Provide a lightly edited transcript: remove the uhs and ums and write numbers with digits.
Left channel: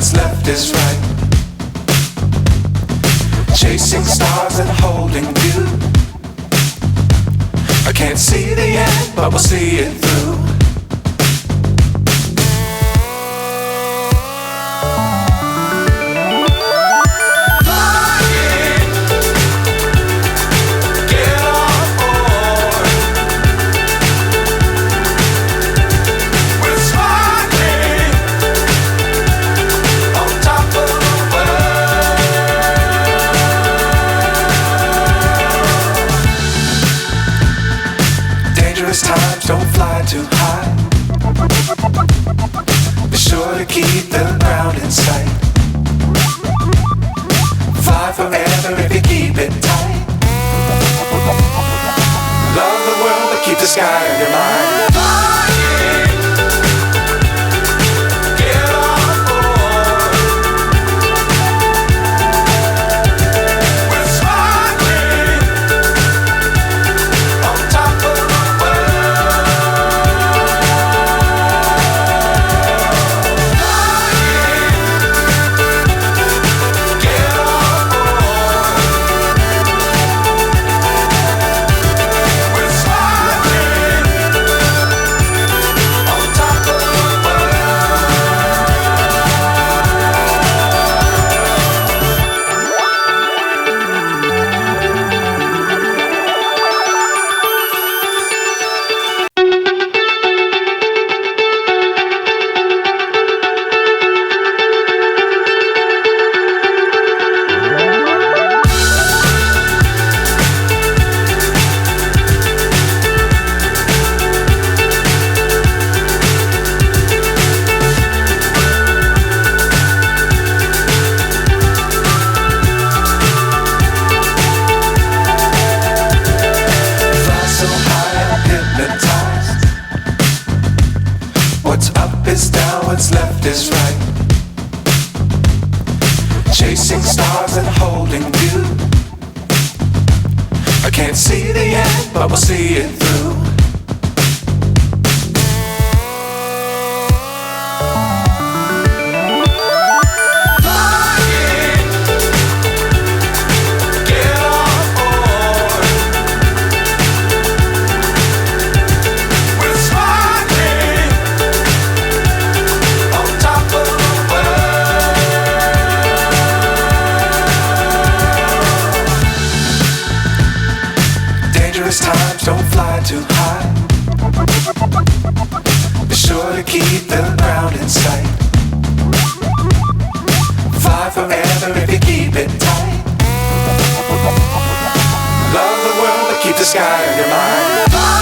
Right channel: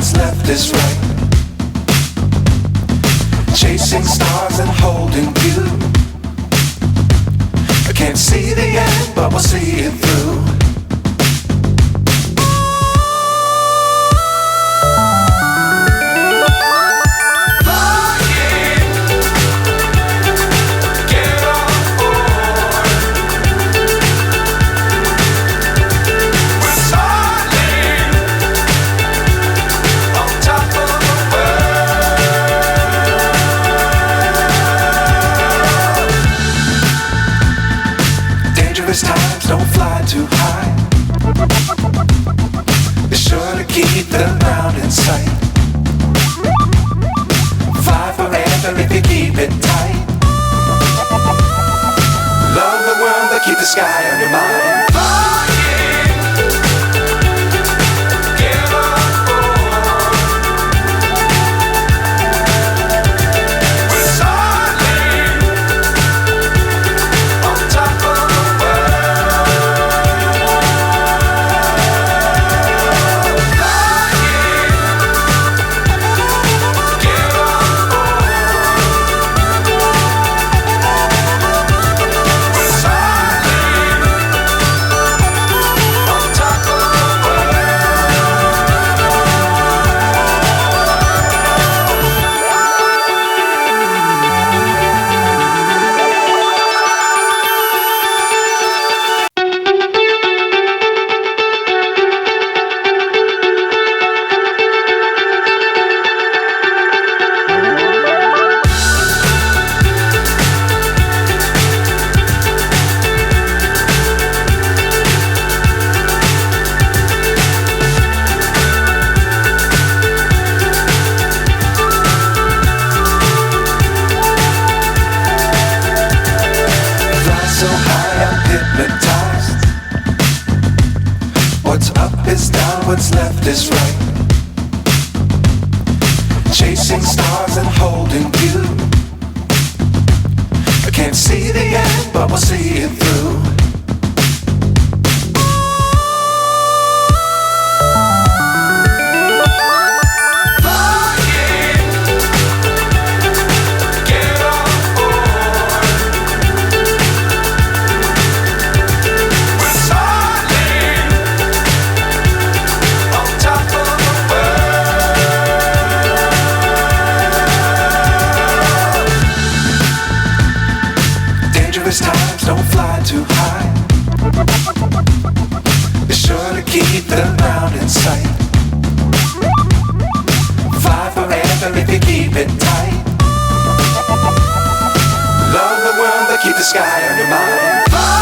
what's left is right. Chasing stars and holding you. I can't see the end, but we'll see it through. Dangerous times, don't fly too high. Be sure to keep the ground in sight. Fly forever if you keep it tight. Love the world, but keep the sky on your mind. So high, I'm hypnotized. What's up is down, what's left is right. Chasing stars and holding you. I can't see the end, but we'll see it through. Dangerous times, don't fly too high. Be sure to keep the ground in sight. Fly forever if you keep it tight. Love the world, but keep the sky on your mind.